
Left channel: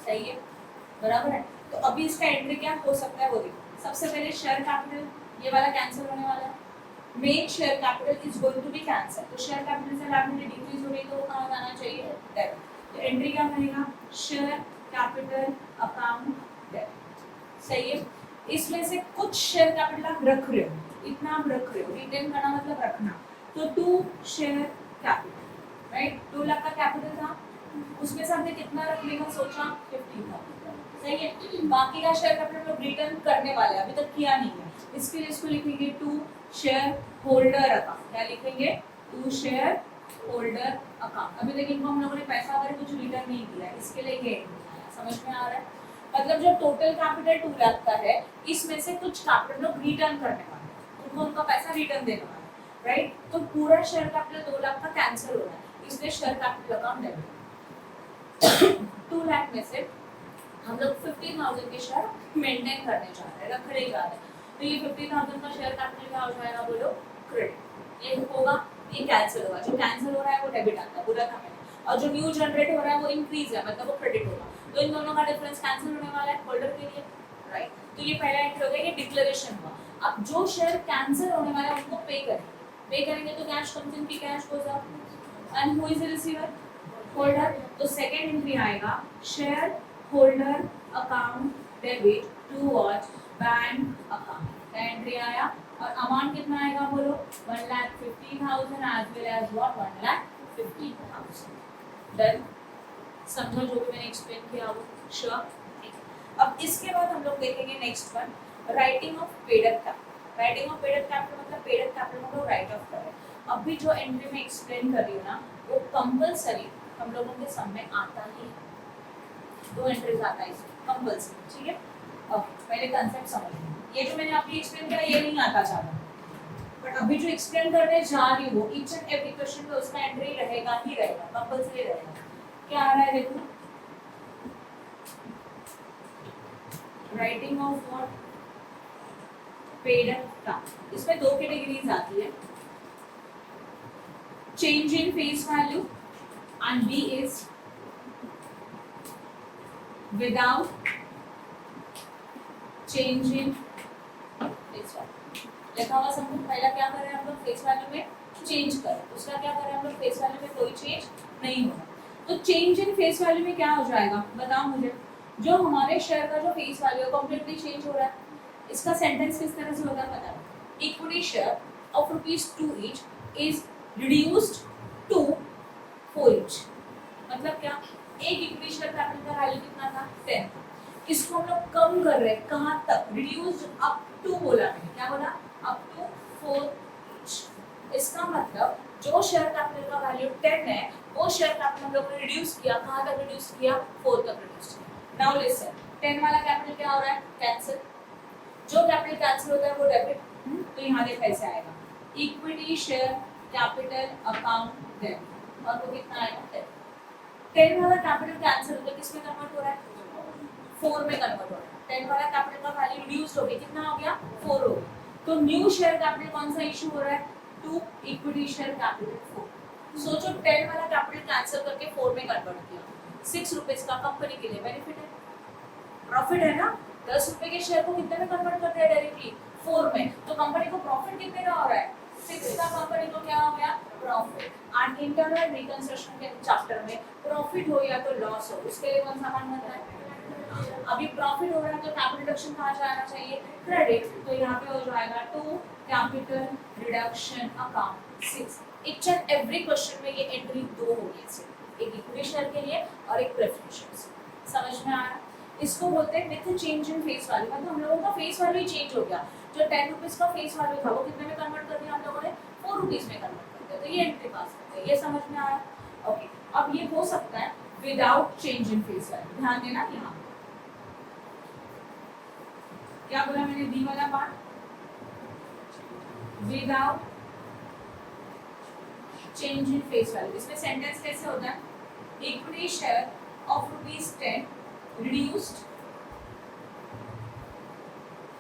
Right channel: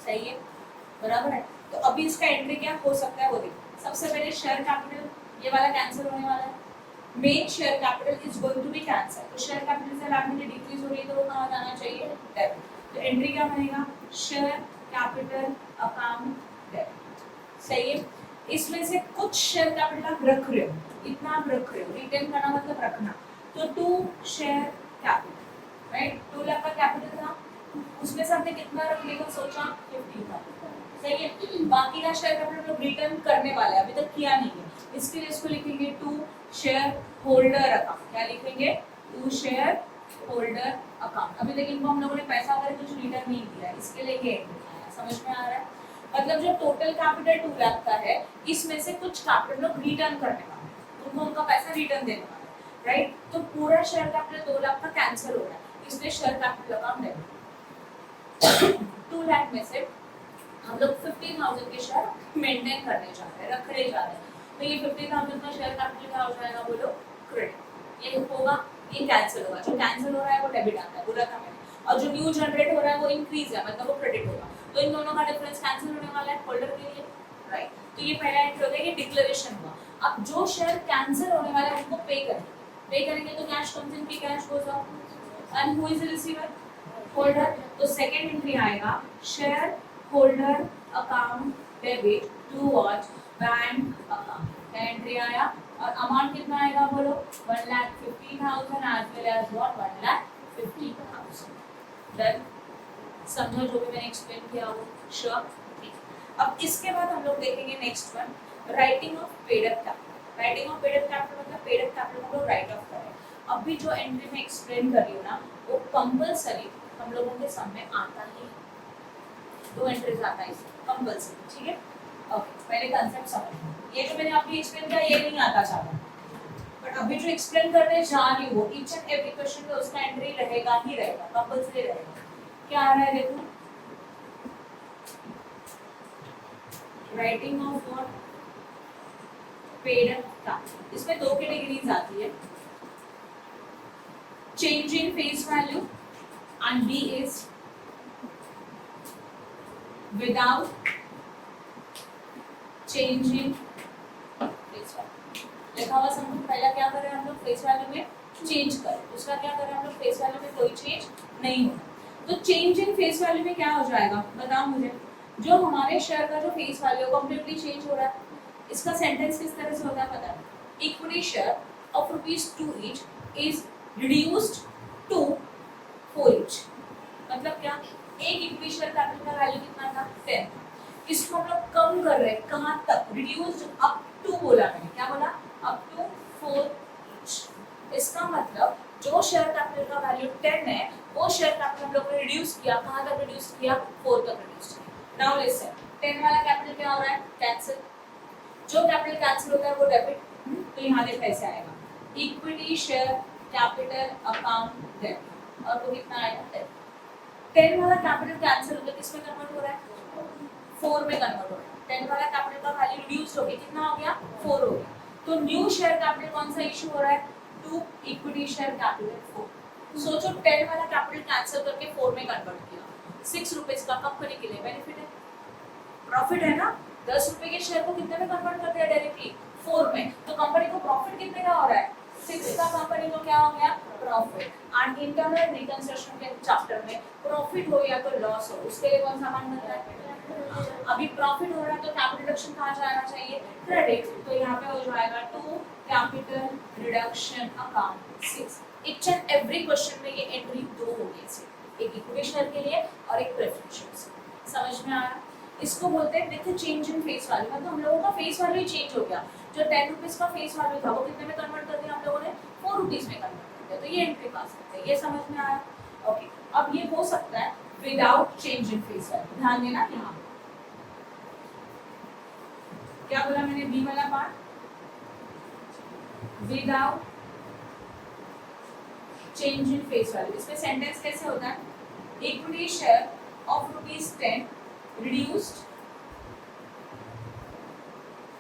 सही है, बराबर है। तो अभी इसका एंट्री क्या हो सकता है वो देखो। सबसे पहले शेयर कैपिटल ये वाला कैंसिल होने वाला है, main share capital is going to be cancel. तो शेयर कैपिटल से लायबिलिटी डिक्रीज हो रही है तो वो कहाँ जाना चाहिए? डेबिट। तो एंट्री क्या बनेगा? Share capital account debit. सही है, इसमें से कुछ शेयर कैपिटल आप रख रहे हो, इतना आप रख रहे हो, रिटेन करना मतलब रखना, तो 2 शेयर कैपिटल, राइट। 2 लाख का कैपिटल था, उसमें से हमने कितना रखने का सोचा? 50,000। सही है, बाकी का शेयर कैपिटल लोग रिटर्न करने वाले हैं, अभी तक किया नहीं है, इसके लिए इसको लिखेंगे 2 शेयर होल्डर अकाउंट। क्या लिखेंगे? 2 शेयर होल्डर अकाउंट। अभी तक इनको हम लोगों ने पैसा वगैरह कुछ रिटर्न नहीं किया है, इसके लिए ये समझ में आ रहा है? मतलब जो टोटल कैपिटल 2 लाख का है, इसमें से कुछ कैपिटल लोग रिटर्न करने वाले हैं, उनको उनका पैसा रिटर्न देने वाले हैं, राइट। तो पूरा शेयर कैपिटल 2 लाख का कैंसिल हो रहा है, इसलिए share capital account debit. 2 lakh में से हम लोग 50,000 के शेयर मेंटेन करने जा रहे हैं, रखने जा रहे हैं, तो ये 50,000 का शेयर कैपिटल क्या हो जाएगा? बोलो क्रेडिट। ये होगा, ये कैंसिल होगा, जो कैंसिल हो रहा है वो डेबिट आता है, बोला था मैंने, और जो न्यू जनरेट हो रहा है वो इंक्रीज है, मतलब वो क्रेडिट होगा। तो इन दोनों का डिफरेंस कैंसिल होने वाला है होल्डर के लिए, राइट। तो ये पहला एंट्री हो गया, ये डिक्लेरेशन हुआ। अब जो शेयर कैंसिल होने वाला है उनको पे करेंगे तो कैश कम्स इन, की cash goes out, and who is the receiver? Holder. तो सेकंड एंट्री आएगा share holder account debit to what? Bank account. Entry आया और अमाउंट कितना आएगा? बोलो 1,50,000 as well as what? 1,50,000। Done, समझो जो भी मैंने एक्सप्लेन किया वो? श्योर। अब इसके बाद हम लोग देखेंगे next one, writing of paid up capital. Writing of paid up capital मतलब पेड अप कैपिटल को राइट ऑफ करें। अभी जो एंट्री में एक्सप्लेन कर रही हूँ ना वो कंपल्सरी हम लोगों के सम में आता ही है, 2 एंट्रीज आता है इसमें कंपल्सरी, ठीक है। ओके, पहले कंसेप्ट समझ, ये जो मैंने अभी एक्सप्लेन किया ये नहीं आता ज़्यादा, बट अभी जो एक्सप्लेन करने जा रही हूँ वो ईच एंड एवरी क्वेश्चन में उसका एंट्री रहेगा ही रहेगा, कंपल्सरी रहेगा। क्या आ रहा है देखो, राइटिंग ऑफ व्हाट पेड का, इसमें 2 कैटेगरीज आती है, change in face value and B is without change in face value. लिखा हुआ सब कुछ पहला क्या करें हम लोग फेस वैल्यू में चेंज करें, उसका क्या करें हम लोग फेस वैल्यू में कोई चेंज नहीं होगा। तो चेंज इन फेस वैल्यू में क्या हो जाएगा बताओ मुझे, जो हमारे शेयर का जो फेस वैल्यू कंप्लीटली चेंज हो रहा है, इसका सेंटेंस किस तरह से होगा पता है, equity share of ₹2 each is reduced to 4 each। मतलब क्या, एक इक्विटी शेयर कैपिटल का वैल्यू कितना था 10, इसको हम लोग कम कर रहे हैं कहाँ तक, रिड्यूस्ड अप टू बोला मैंने, क्या बोला, अप टू 4 each। इसका मतलब जो शेयर कैपिटल का वैल्यू 10 है वो शेयर कैपिटल हम लोग ने रिड्यूस किया, कहाँ तक रिड्यूस किया, 4 तक रिड्यूस किया। नाउ लिसन, 10 वाला कैपिटल क्या हो रहा है, कैंसिल, जो कैपिटल कैंसिल होता है वो डेबिट, तो यहाँ देख कैसे आएगा, equity share capital account debit, और वो कितना आएगा 10 वाला कैपिटल कैंसिल होता है, किसमें कन्वर्ट हो रहा है, 4 में कन्वर्ट हो रहा है। 10 वाला कैपिटल का वैल्यू रिड्यूस्ड हो गया, कितना हो गया 4 हो गया, तो न्यू शेयर कैपिटल कौन सा इशू हो रहा है, 2 इक्विटी शेयर कैपिटल 4। सोचो 10 वाला कैपिटल कैंसिल करके 4 में कन्वर्ट किया, 6 रुपीज का कंपनी के लिए बेनिफिट है, प्रॉफिट है ना, 10 रुपए के शेयर को कितने में कन्वर्ट कर दिया डायरेक्टली 4 में, तो कंपनी को प्रॉफिट कितने का हो रहा है 6 का, कंपनी को क्या हो गया प्रॉफिट। एंड इंटरनल रिकंस्ट्रक्शन के चैप्टर में प्रॉफिट हो या तो लॉस हो उसके लिए कौन सा मान बन रहा है, अभी प्रॉफिट हो रहा है तो कैपिटल रिडक्शन कहाँ जाना चाहिए, क्रेडिट, तो यहाँ पे हो जाएगा to capital reduction account 6। Each and every question में ये एंट्री 2 होगी ऐसे, एक इक्विटी शेयर के लिए और एक प्रेफरेंस शेयर, समझ में आया। इसको बोलते हैं with change in face value, मतलब हम लोगों का फेस वैल्यू ही चेंज हो गया, जो 10 रुपीज का फेस वैल्यू था वो कितने में कन्वर्ट कर दिया हम लोगों ने 4 रुपीज में कन्वर्ट कर दिया, तो ये एंट्री पास करते हैं, ये समझ में आया। ओके, अब ये हो सकता है without change in face value, ध्यान देना यहाँ क्या बोला मैंने, बी वाला part without change in face value, इसमें सेंटेंस कैसे होता है, equity share of ₹10 reduced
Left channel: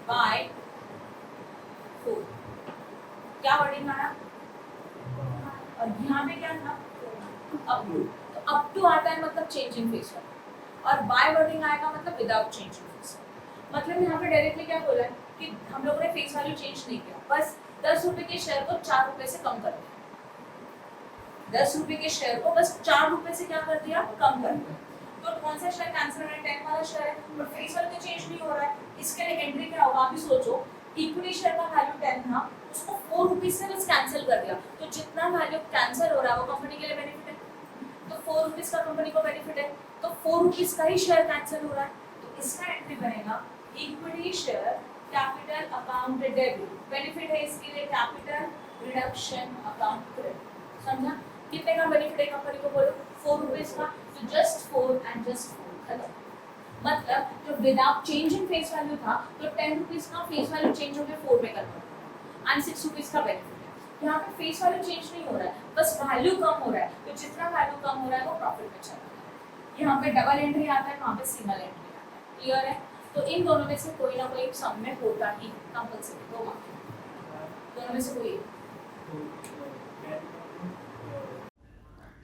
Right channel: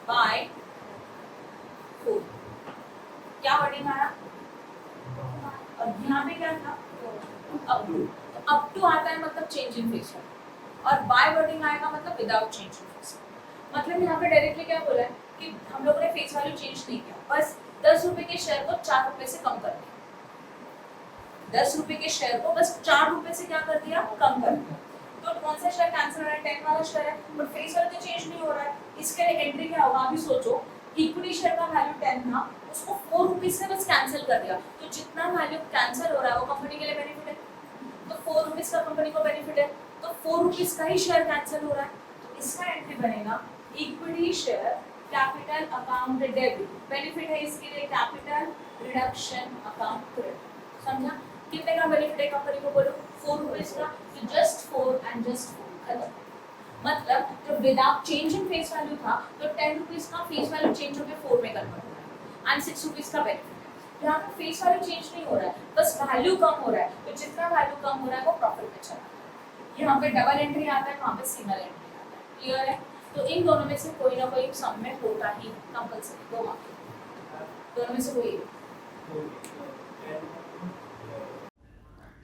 by 4, क्या वर्डिंग आया, और यहाँ पे क्या था अप टू आता है मतलब चेंज इन फेस वैल्यू, और बाय वर्डिंग आएगा मतलब without change in face value. मतलब यहाँ पे डायरेक्टली क्या बोला है कि हम लोगों ने फेस वैल्यू चेंज नहीं किया, बस 10 रुपए के शेयर को 4 रुपए से कम कर दिया, 10 रुपए के शेयर को बस 4 रुपए से क्या कर दिया, कम कर दिया। तो कौन सा शेयर कैंसिल हो रहा है, 10 वाला शेयर है, और फेस वैल्यू तो चेंज नहीं हो रहा है, इसके लिए एंट्री क्या होगा, अभी सोचो इक्विटी शेयर का वैल्यू 10 था, उसको 4 रुपीज से बस कैंसिल कर दिया, तो जितना वैल्यू कैंसिल हो रहा है वो कंपनी के लिए बेनिफिट है, तो 4 रुपीज का कंपनी को बेनिफिट है, तो 4 रुपीज का ही शेयर कैंसिल हो रहा है, तो इसका एंट्री बनेगा equity share capital account debit, benefit है इसके लिए कैपिटल रिडक्शन अकाउंट क्रेडिट, समझा, कितने का बेनिफिट है कंपनी को बोलो 4 रुपीज का, तो जस्ट 4 एंड जस्ट 4 खत्म। मतलब जो without change in face value था तो 10 रुपीज का फेस वैल्यू चेंज होकर 4 में कन्वर्ट हो रहा है एंड 6 रुपीज का बेनिफिट है। यहाँ पे फेस वैल्यू चेंज नहीं हो रहा है, बस वैल्यू कम हो रहा है, तो जितना वैल्यू कम हो रहा है वो प्रॉफिट में चला रहा है। यहाँ पे डबल एंट्री आता है, वहाँ पे सिंगल एंट्री आता है, क्लियर है। तो इन दोनों में से कोई ना कोई सम में होता ही कंपल्सरी, दोनों में से कोई।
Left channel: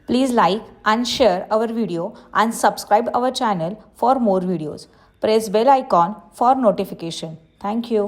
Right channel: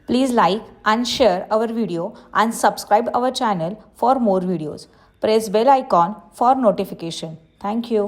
Please like and share our video and subscribe our channel for more videos. Press bell icon for notification. Thank you.